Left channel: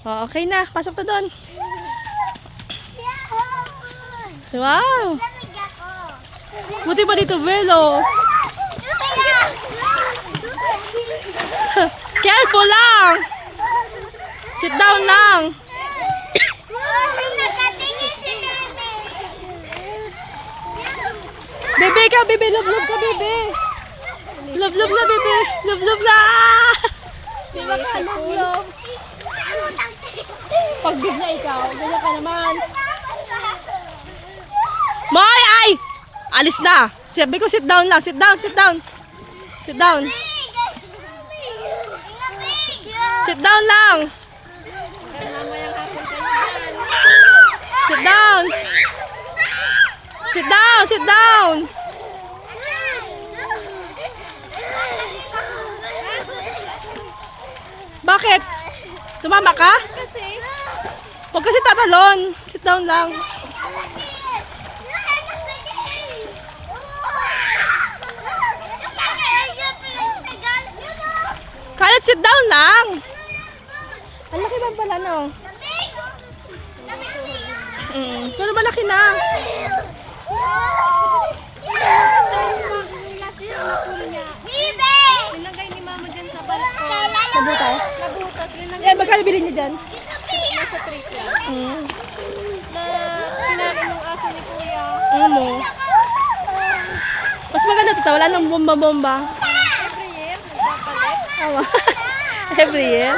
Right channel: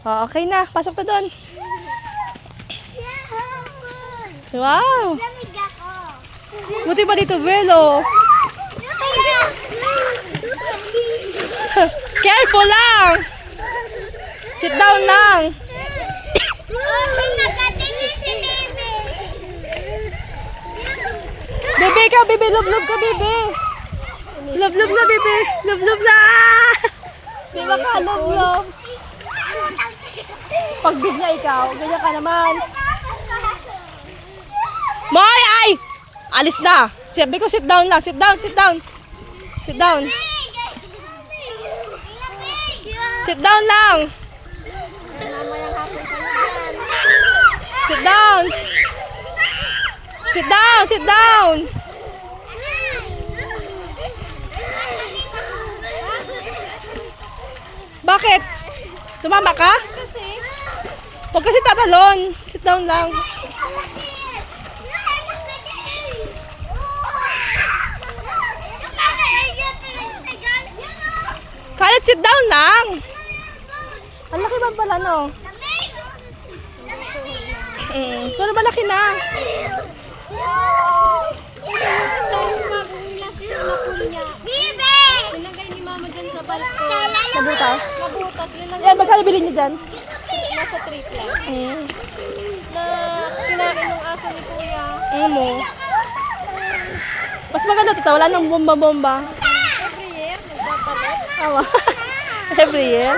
Oh, okay na. Pasok na doon. Wow. Buti pa dito, Belo. Careful lang. Sit down lang. Bebe ka, bebe. Love ka, bebe. Love na, bebe. Love na. Di ba ka, love. Pag bigla ikaw, ganyan ka naman. Boy, ay! Alis na. Sabi ko, sit down lang. Sit down. Sit down lang. Sit down. Bakit? Tumama ka? Huwag kasi tatalon. Sit down lang. Kahit sit down lang. Ang laki ba pala, no? Pero malaki na. Nilagay ni mama dyan sa balko. Nabutas? Nabutas. Yan, magkano bilhin niyo dyan? Nasa trip lang. Na kinain ng aso ni kuya. Ano mo? Mas maganda dito. Wala nang bomba-bomba. Every year, nagpapalit. Awa. Every year.